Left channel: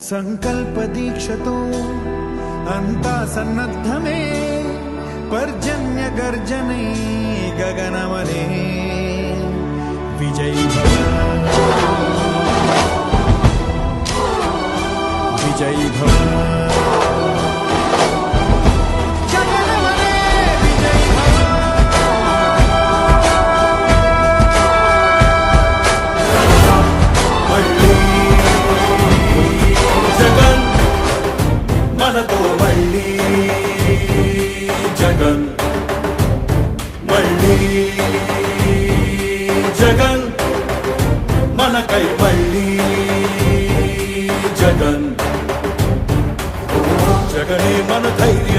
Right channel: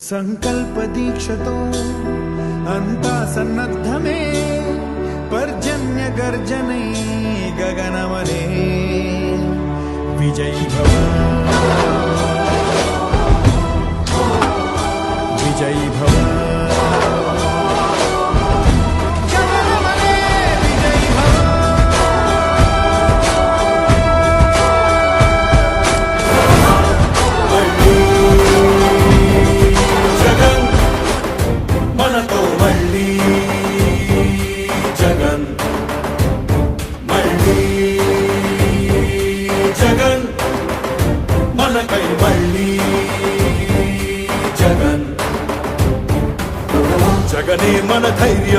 संकल्प दीक्षतो अंता सन्नद्धमे पर्जन्य गर्जने गगनमने विजयी भव विजयी भव जगन मन कैवल्ली जगन जगने मन धैर्य